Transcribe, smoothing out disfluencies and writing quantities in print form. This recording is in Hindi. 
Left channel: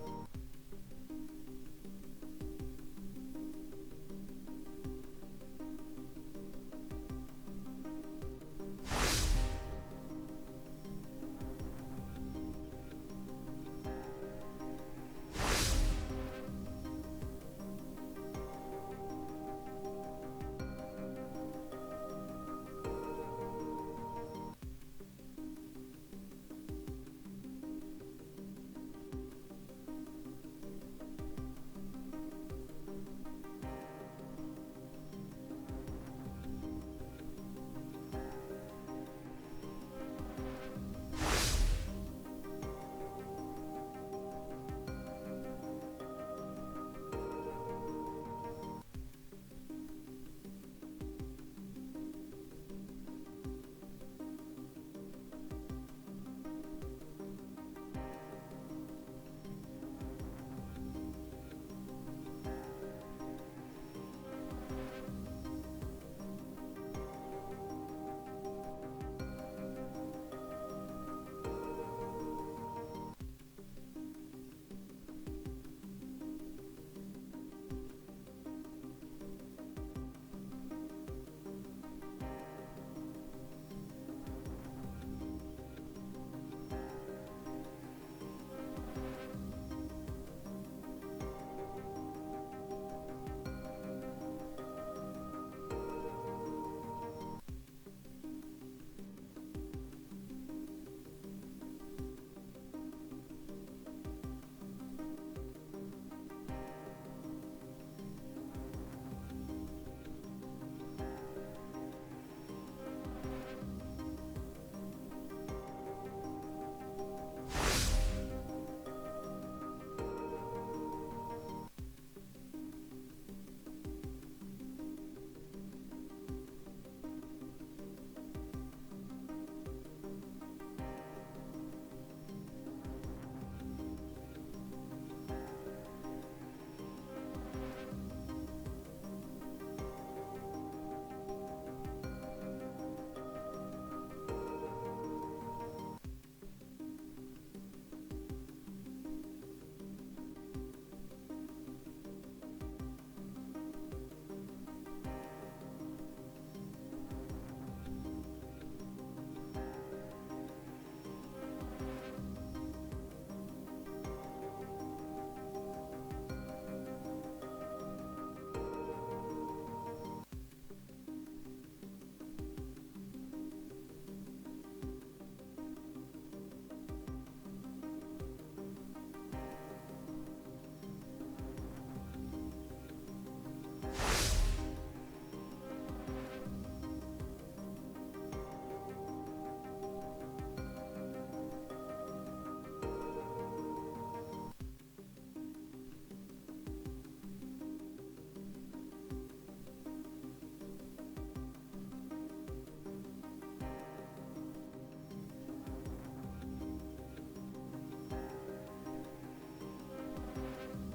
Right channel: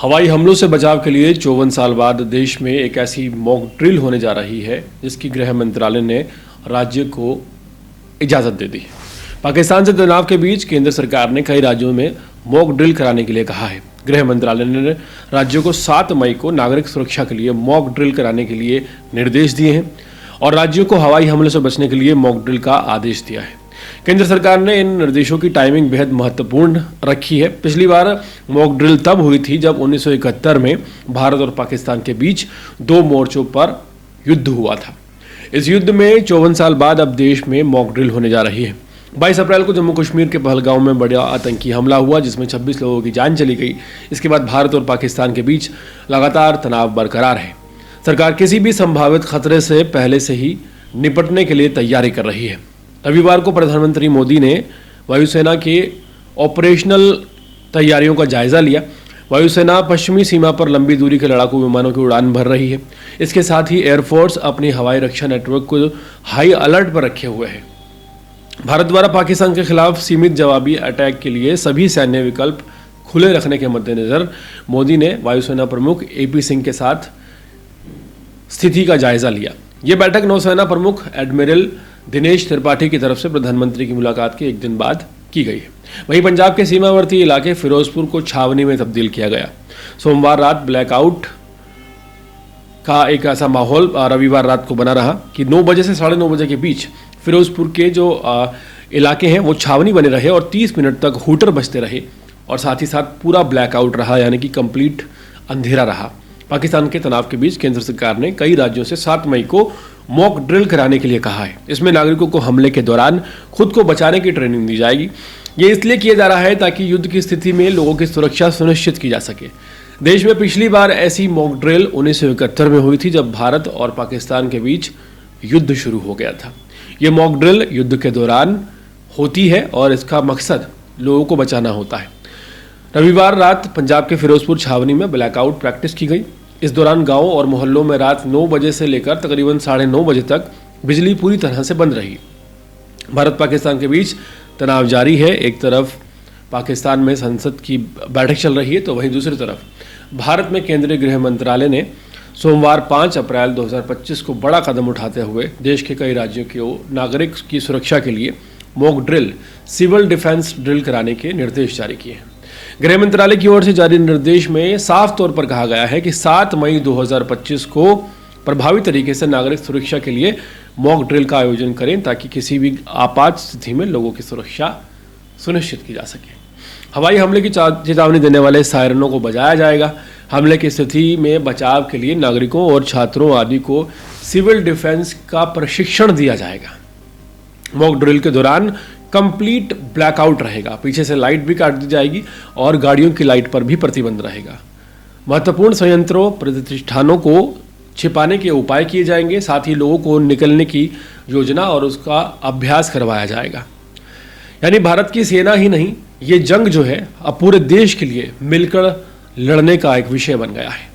हवाई हमलों से बचाव के लिए 54 साल बाद देश में एक ऐसी मॉक ड्रिल होने जा रही है जिसकी गृह मंत्रालय ने राज्य को इजाज़त दे दी। पाकिस्तान से तनाव के बीच केंद्र सरकार ने कई राज्यों में मॉक ड्रिल कराने के लिए कहा है। गृह मंत्रालय ने राज्यों को 7 मई को नागरिक सुरक्षा के लिए मॉक ड्रिल कराने के लिए निर्देश दिए हैं और राज्यों को हवाई हमले से बचने के लिए मॉक ड्रिल का आदेश दिया है। केंद्र सरकार ने इन निर्देशों की टाइमिंग बेहद महत्वपूर्ण रखी है। पिछली बार मॉक ड्रिल तब हुई थी जब 1971 में भारत और पाकिस्तान के बीच 2 मोर्चों पर युद्ध हुआ था। इस युद्ध में 54 साल बाद अब देश में मॉक ड्रिल होने जा रही है। 22 अप्रैल को जम्मू कश्मीर के पहलगांव में बड़ा आतंकी हमला हुआ जिसमें 26 लोगों की जान चली गई। इसके बाद भारत और पाकिस्तान के बीच लगातार तनाव बरकरार है। सरकार किसी भी संभावित खतरे से पहले से ही निपटने के लिए तैयारी कर रही है। रविवार को प्रधानमंत्री मोदी ने वायुसेना के ऑपरेशनल तैयारियों का जायजा लिया। वायुसेना पश्चिमी सीमा पर लंबी दूरी के लड़ाकू विमानों की उड़ान भर रही है। इसके साथ ही एयरफोर्स अपनी हवाई रक्षा नेटवर्क को हाई अलर्ट पर रखे हुए है। भारत द्वारा पाकिस्तान के खिलाफ सीमित जवाबी अटैक के लिए सभी सैन्य विकल्प खुले रखने के मद्देनजर मोदी ने वायुसेना प्रमुख AP सिंह के साथ स्थिति का जायजा लिया। ये बैठक नौसेना प्रमुख एडमिरल दिनेश त्रिपाठी की तरफ से प्रधानमंत्री की मुलाकात के एक दिन बाद की गई है। वहीं पंजाब के सीमावर्ती इलाके फिरोजपुर को छावनी में तब्दील किया गया। सोमवार रात ब्लैकआउट का एक ऐसा माहौल रविवार रात को बना रहा कि 9 बजे से 9:30 बजे के बीच फिरोजपुर के जो इलाके हैं वो छावनी बने रहे और 30 मिनट तक हूटर बजते रहे और साथ ही साथ पूरा ब्लैकआउट रहा, यानी कि कंप्लीट अंधेरा रहा। पाकिस्तान के तनाव के बीच केंद्र सरकार ने कई राज्यों से 7 मई को मॉक ड्रिल कराने के लिए कहा है। इसमें नागरिकों को हमले के दौरान खुद को बचाने की ट्रेनिंग दी जाएगी। ये इसलिए किया जा रहा है ताकि युद्ध की स्थिति में लोगों की सुरक्षा सुनिश्चित की जा सके। देश में पिछली बार ऐसी मॉक ड्रिल 1971 में हुई थी जब भारत और पाकिस्तान के बीच युद्ध शुरू हो गया था। ये मॉक ड्रिल युद्ध के दौरान होती है और इसका मकसद लोगों को बचाना होता है। रविवार रात पंजाब के फिरोजपुर छावनी में ब्लैकआउट प्रैक्टिस की गई। इस दौरान गांवों और मोहल्लों में रात 9 बजे से लेकर तकरीबन 9:30 बजे तक बिजली पूरी तरह से बंद रही। भारत पाकिस्तान के बीच तनाव जारी है। एक तरफ पाकिस्तान में संसद की बैठक चल रही है तो वहीं दूसरी तरफ भारत में केंद्रीय गृह मंत्रालय ने सोमवार 5 अप्रैल 2025 को बड़ा कदम उठाते हुए देश के कई राज्यों के नागरिक की सुरक्षा के लिए mock drill, civil defence drill कराने के निर्देश जारी किए हैं। गृह मंत्रालय की ओर से जारी निर्देश में साफ तौर पर कहा गया है कि 7 मई 2025 को प्रभावी तरीके से नागरिक सुरक्षा के लिए मॉक ड्रिल का आयोजन करें ताकि किसी भी आपात स्थिति में लोगों की सुरक्षा सुनिश्चित की जा सके। हवाई हमले की चेतावनी देने वाले सायरनों को बजाया जाएगा। हमले की स्थिति में बचाव के लिए नागरिकों और छात्रों आदि को सिविल डिफेंस का प्रशिक्षण दिया जाएगा। मॉक ड्रिल के दौरान कंप्लीट ब्लैकआउट रहेगा। पीछे से लाइट भी काट दी जाएगी और गाड़ियों की लाइट पर भी प्रतिबंध रहेगा। महत्वपूर्ण संयंत्रों, प्रतिष्ठानों को छिपाने के उपाय किए जाएंगे। साथ ही लोगों को निकलने की योजना और उसका अभ्यास करवाया जाएगा। यानी भारत की सेना ही नहीं, ये जंग जो है अब पूरे देश के लिए मिलकर लड़ने का एक विषय बन गया है।